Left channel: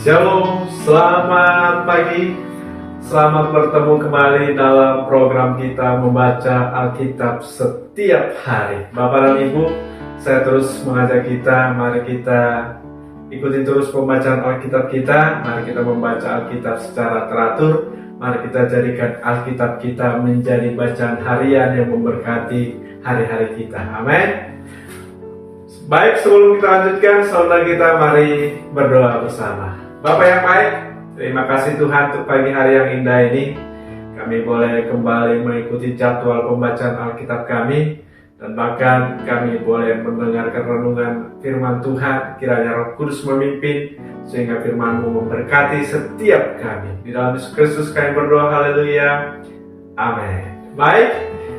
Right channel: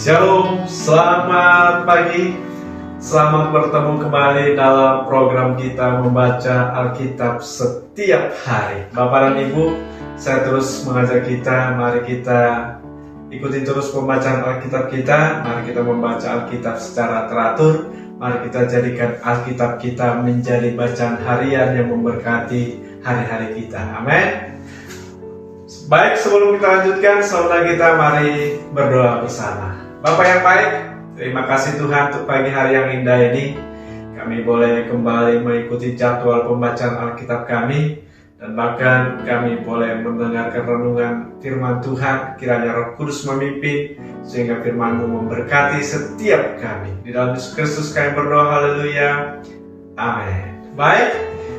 Shalom, selamat pagi. Selamat bertemu kembali dalam program kita membaca Alkitab setiap hari. Bapak dan Ibu, saya terus mengajak kita, mari kita ikuti terus pembacaan Alkitab kita. Mari kita membaca Alkitab secara teratur. Mari kita jadikan Alkitab kita menjadi bacaan harian yang memberkati hari-hari kita. Amin. Baik, sebelum kita lanjutkan, saudara kita mari berdoa bersama. Bapak yang baik, terima kasih Tuhan untuk pagi hari yang indah ini. Kami boleh kembali mengikuti jadwal pembacaan Alkitab kami, dan bahkan kami boleh mendengarkan renungan firman Tuhan. Kiranya Roh Kudus memimpin sehingga firman-Mu memberkati setiap kami. Di dalam Yesus Kristus kami berdoa, haleluya, amin. Baik,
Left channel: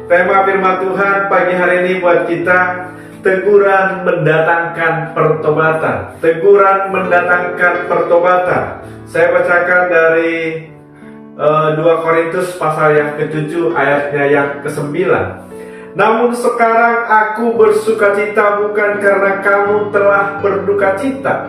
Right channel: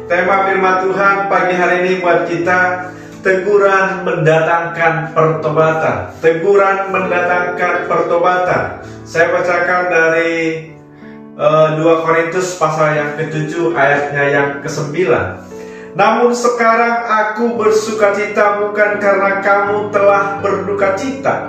tema firman Tuhan pagi hari ini buat kita, teguran mendatangkan pertobatan. Teguran mendatangkan pertobatan. Saya bacakan dari 2 Korintus pasal yang ke-7 ayatnya yang ke-9. Namun sekarang aku bersukacita bukan karena kamu telah berdukacita,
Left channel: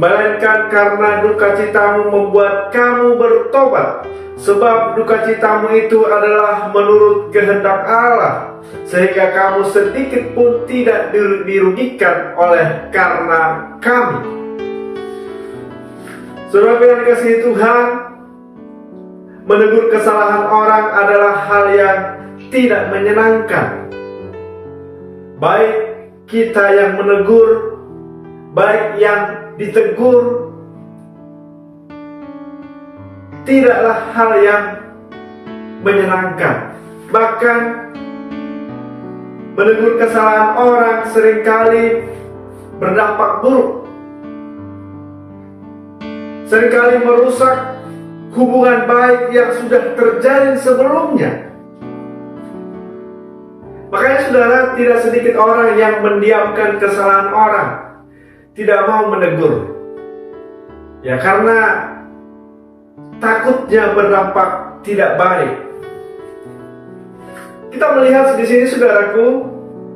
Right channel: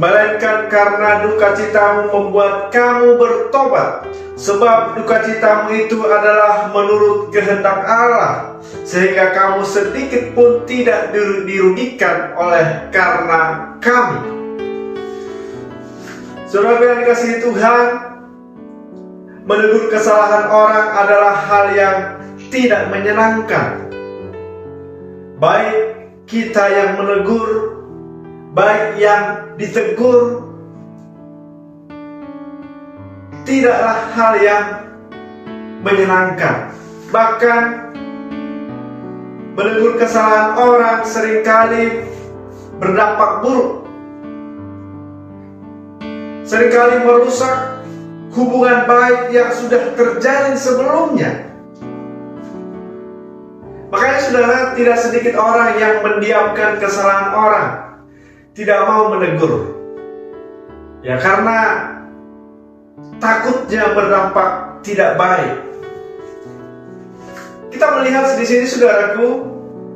melainkan karena dukacitamu membuat kamu bertobat. Sebab dukacitamu itu adalah menurut kehendak Allah, sehingga kamu sedikit pun tidak dirugikan oleh karena kami. Saudara yang dikasihi Tuhan, menegur kesalahan orang adalah hal yang tidak menyenangkan. Baik kita yang menegur, baik yang ditegur, tidaklah hal yang menyenangkan. Bahkan menegur kesalahan orang seringkali berdampak buruk, seringkali merusak hubungan baik yang sudah terjalin sebelumnya. Makanya saudara, tidak sedikit orang yang mendiamkan kesalahan orang, tidak mau menegur, ya karena takutnya berdampak tidak baik. Kita melihat di sini saudaraku,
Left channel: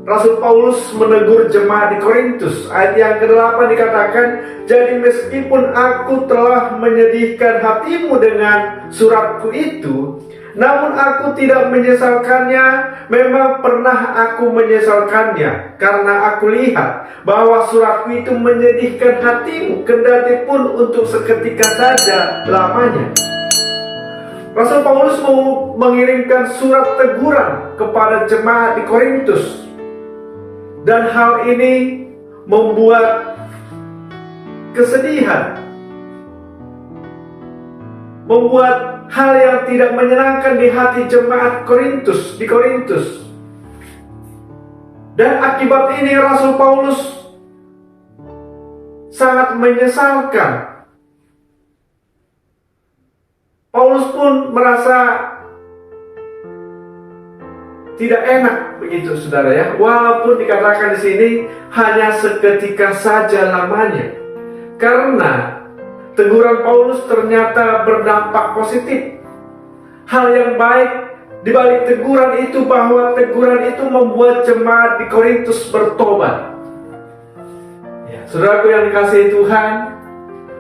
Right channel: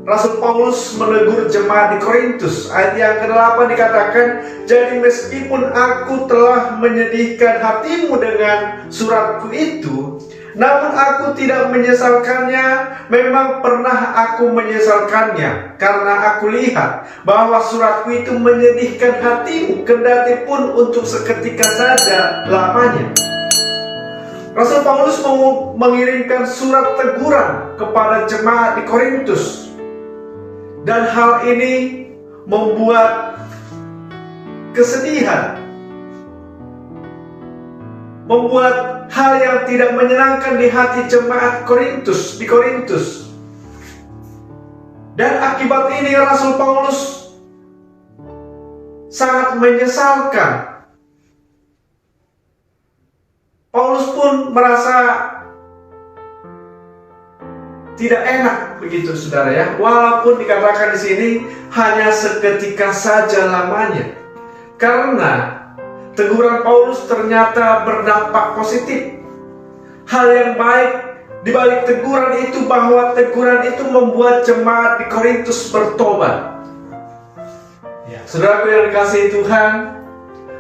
Rasul Paulus menegur jemaat di Korintus. Ayat yang ke-8 dikatakan, jadi meskipun aku telah menyedihkan hatimu dengan suratku itu, namun aku tidak menyesalkannya. Memang pernah aku menyesalkannya, karena aku lihat bahwa suratku itu menyedihkan hatimu, kendati pun untuk seketika saja lamanya. Rasul Paulus mengirimkan surat teguran kepada jemaat di Korintus, dan hal ini membuat kesedihan, membuat hal yang tidak menyenangkan di hati jemaat Korintus, di Korintus. Dan akibat ini Rasul Paulus sangat menyesalkan. Paulus pun merasa tidak enak begitu saudara ya. Walaupun dikatakan di sini hanya seketika saja lamanya. Karena teguran Paulus ternyata berdampak positif. Hal yang baik di balik teguran itu, bahwa teguran itu membuat jemaat di Korintus bertobat. Ya, saudaraku yang dikasihi Tuhan,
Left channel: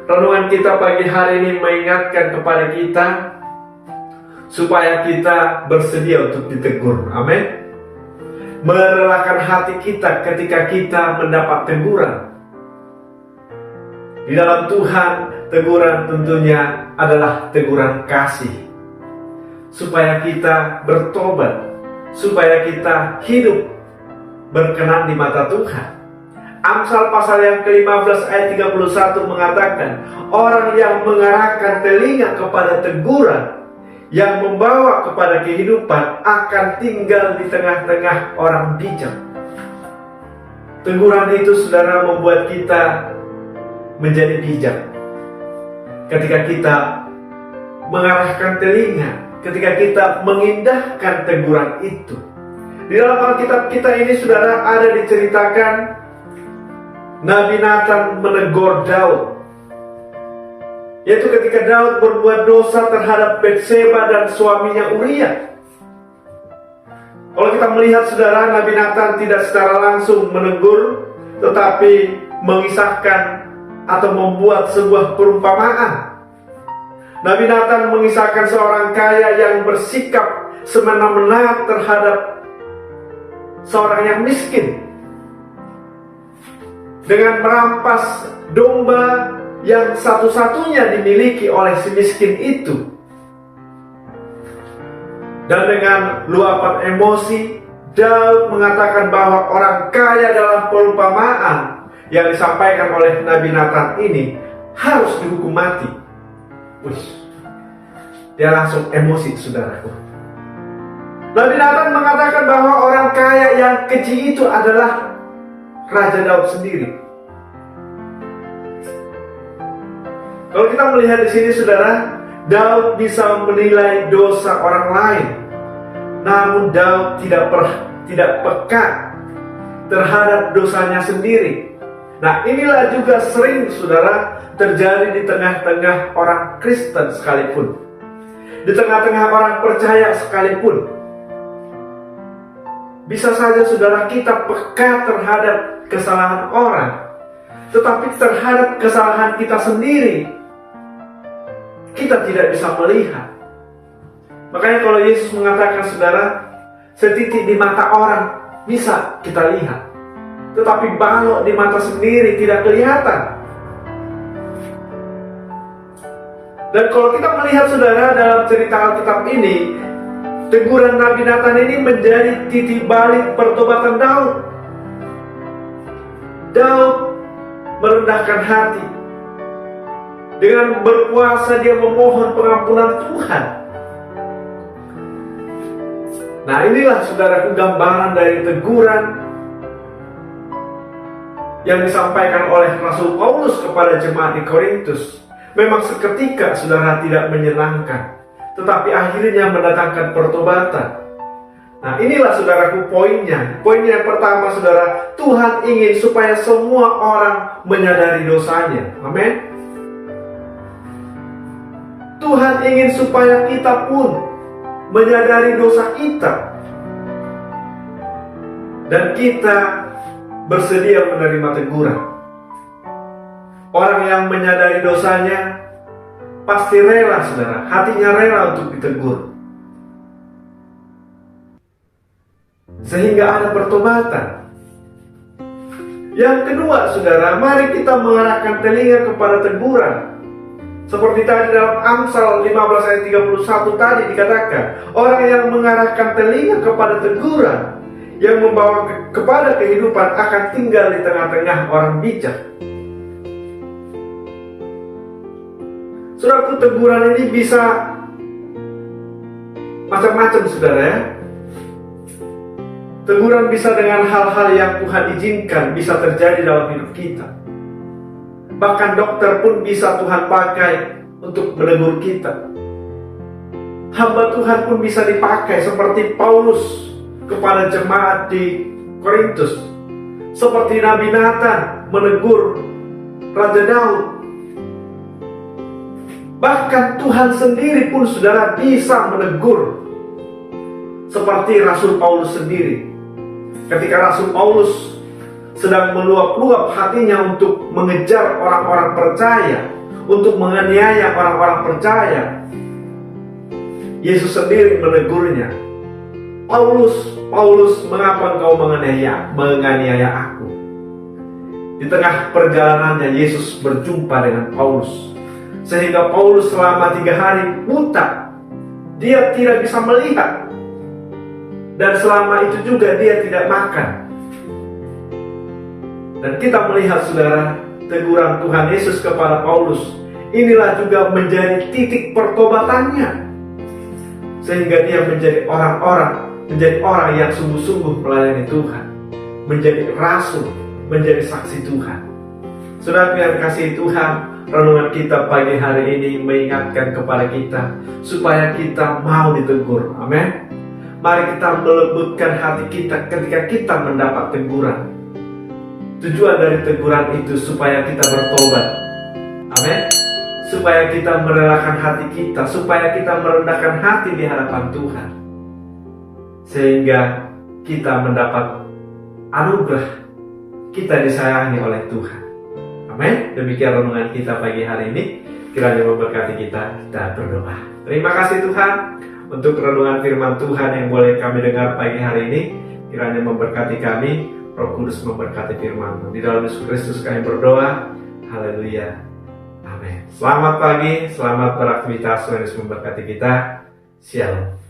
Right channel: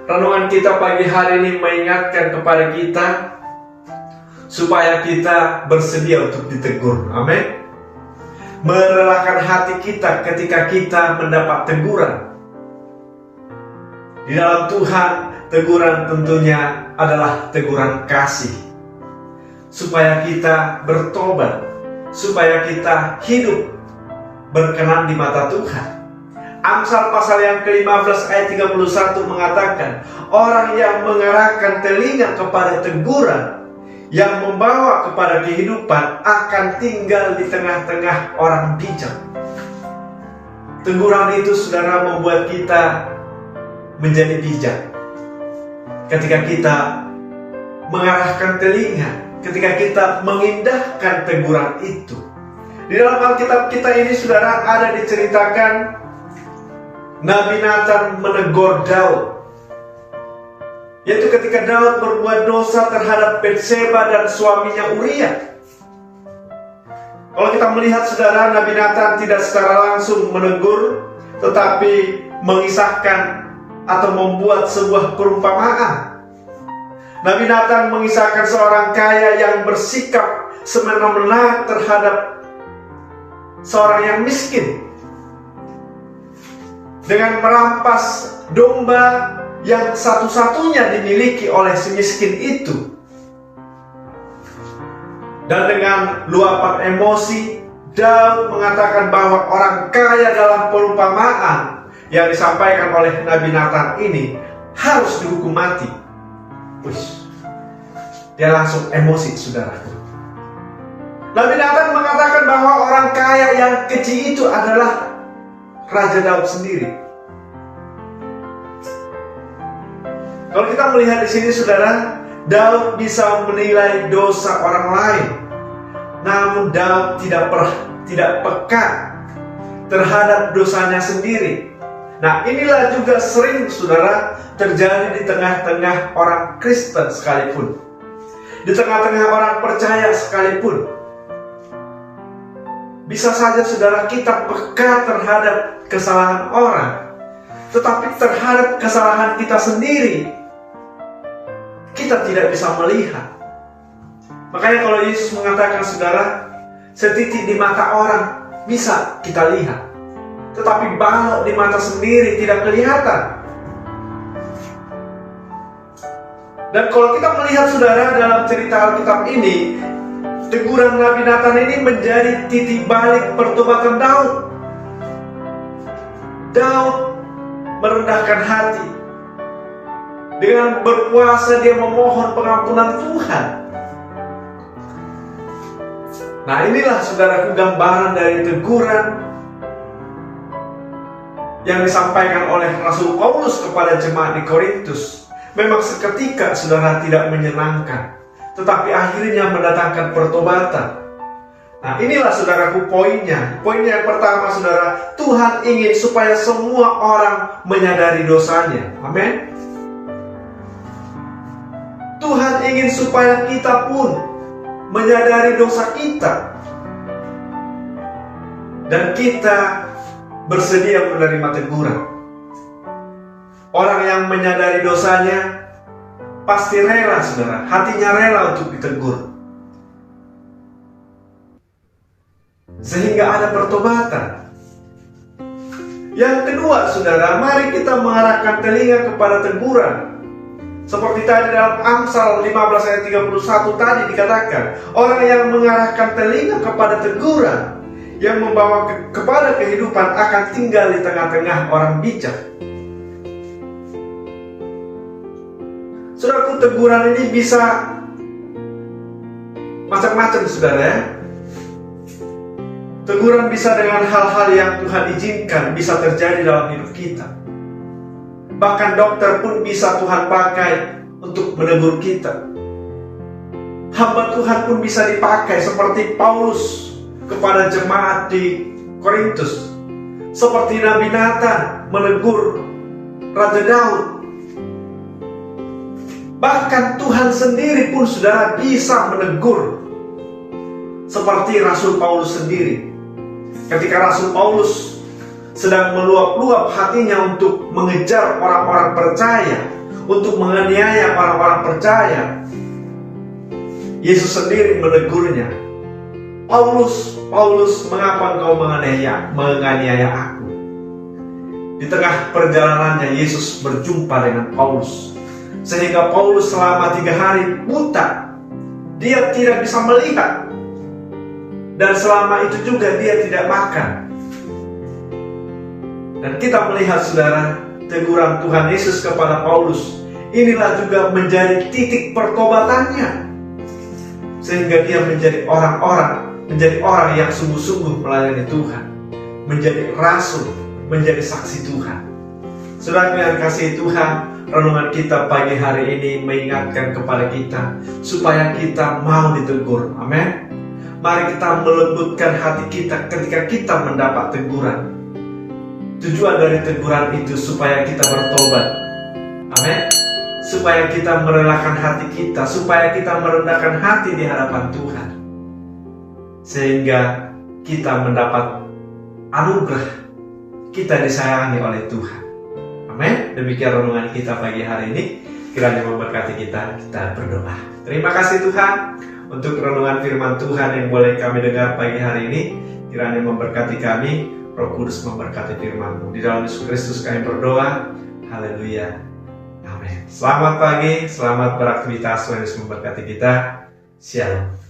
renungan kita pagi hari ini mengingatkan kepada kita supaya kita bersedia untuk ditegur. Amin. Merelakan hati kita ketika kita mendapat teguran. Di dalam Tuhan, teguran tentunya adalah teguran kasih, supaya kita bertobat, supaya kita hidup berkenan di mata Tuhan. Amsal pasal yang ke-15 ayat 31 mengatakan, orang yang mengarahkan telinga kepada teguran yang membawa kepada kehidupan akan tinggal di tengah-tengah orang bijak. Teguran itu saudara membuat kita menjadi bijak. Ketika kita mengarahkan telinga, ketika kita mengindahkan teguran itu. Di dalam Alkitab kita ini saudara ada diceritakan Nabi Nathan menegur Daud, yaitu ketika Daud berbuat dosa terhadap Batseba dan suaminya Uria. Kalau kita melihat saudara, Nabi Nathan tidak secara langsung menegur, tetapi mengisahkan atau membuat sebuah perumpamaan. Nabi Nathan mengisahkan seorang kaya yang bersikap semena-mena terhadap seorang yang miskin dengan merampas domba yang satu-satunya dimiliki oleh si miskin itu. Dan dengan luapan emosi, Daud mengatakan bahwa orang kaya dalam perumpamaan yang disampaikan oleh Nabi Nathan ini harus dihukum mati. Dia langsung emosi, saudaraku. Nabi Nathan mengatakan bahwa orang kaya yang keji itu adalah Raja Daud sendiri. Kalau kita melihat di sini, saudara, Daud bisa menilai dosa orang lain, namun Daud tidak peka terhadap dosanya sendiri. Nah, inilah juga sering, saudara, terjadi di tengah-tengah orang Kristen sekalipun, di tengah-tengah orang percaya sekalipun. Bisa saja, saudara, kita peka terhadap kesalahan orang, tetapi terhadap kesalahan kita sendiri kita tidak bisa melihat. Makanya kalau Yesus mengatakan, saudara, setitik di mata orang bisa kita lihat, tetapi balok di mata sendiri tidak kelihatan. Dan kalau kita melihat, saudara, dalam cerita Alkitab ini, teguran Nabi Nathan ini menjadi titik balik pertobatan Daud. Daud merendahkan hati. Dengan berpuasa dia memohon pengampunan Tuhan. Nah, inilah, saudaraku, gambaran dari teguran yang disampaikan oleh Rasul Paulus kepada jemaat di Korintus. Memang seketika, saudara, tidak menyenangkan, tetapi akhirnya mendatangkan pertobatan. Nah, inilah, saudaraku, poinnya. Poinnya yang pertama, saudara, Tuhan ingin supaya semua orang menyadari dosanya. Amin. Tuhan ingin supaya kita pun menyadari dosa kita, dan kita bersedia menerima teguran. Orang yang menyadari dosanya pasti rela, saudara, hatinya rela untuk ditegur, sehingga ada pertobatan. Yang kedua, saudara, mari kita mengarahkan telinga kepada teguran. Seperti tadi dalam Amsal 15 ayat 31 tadi dikatakan, orang yang mengarahkan telinga kepada teguran yang membawa kepada kehidupan akan tinggal di tengah-tengah orang bijak. Saudaraku, teguran ini bisa macam-macam, saudara, ya. Teguran bisa dengan hal-hal yang Tuhan izinkan bisa terjadi dalam hidup kita. Bahkan dokter pun bisa Tuhan pakai untuk menegur kita. Hamba Tuhan pun bisa dipakai seperti Paulus kepada jemaat di Korintus, seperti Nabi Nathan menegur Raja Daud. Bahkan Tuhan sendiri pun, saudara, bisa menegur, seperti Rasul Paulus sendiri. Ketika Rasul Paulus sedang meluap-luap hatinya untuk mengejar orang-orang percaya, untuk menganiaya orang-orang percaya, Yesus sendiri menegurnya. Paulus, Paulus, mengapa engkau menganiaya aku? Di tengah perjalanannya Yesus berjumpa dengan Paulus, sehingga Paulus selama 3 hari buta. Dia tidak bisa melihat, dan selama itu juga dia tidak makan. Dan kita melihat, saudara, teguran Tuhan Yesus kepada Paulus, inilah juga menjadi titik pertobatannya, sehingga dia menjadi orang yang sungguh-sungguh melayani Tuhan, menjadi rasul, menjadi saksi Tuhan. Saudara yang kasih Tuhan, renungan kita pagi hari ini mengingatkan kepada kita supaya kita mau ditegur. Amin. Mari kita melembutkan hati kita ketika kita mendapat teguran. Tujuan dari teguran itu supaya kita bertobat. Amin. Supaya kita merelakan hati kita, supaya kita merendahkan hati di hadapan Tuhan, sehingga kita mendapat anugerah, kita disayangi oleh Tuhan. Amin. Demikian renungan kita pagi hari ini. Kiranya memberkati kita. Kita berdoa. Terima kasih Tuhan untuk renungan firman Tuhan yang boleh kami dengar pagi hari ini. Kiranya memberkati kami. Roh Kudus memberkati firman-Mu. Di dalam Yesus Kristus kami berdoa. Haleluya. Amin. Selamat pagi, selamat beraktivitas. Tuhan Yesus memberkati kita. Shalom.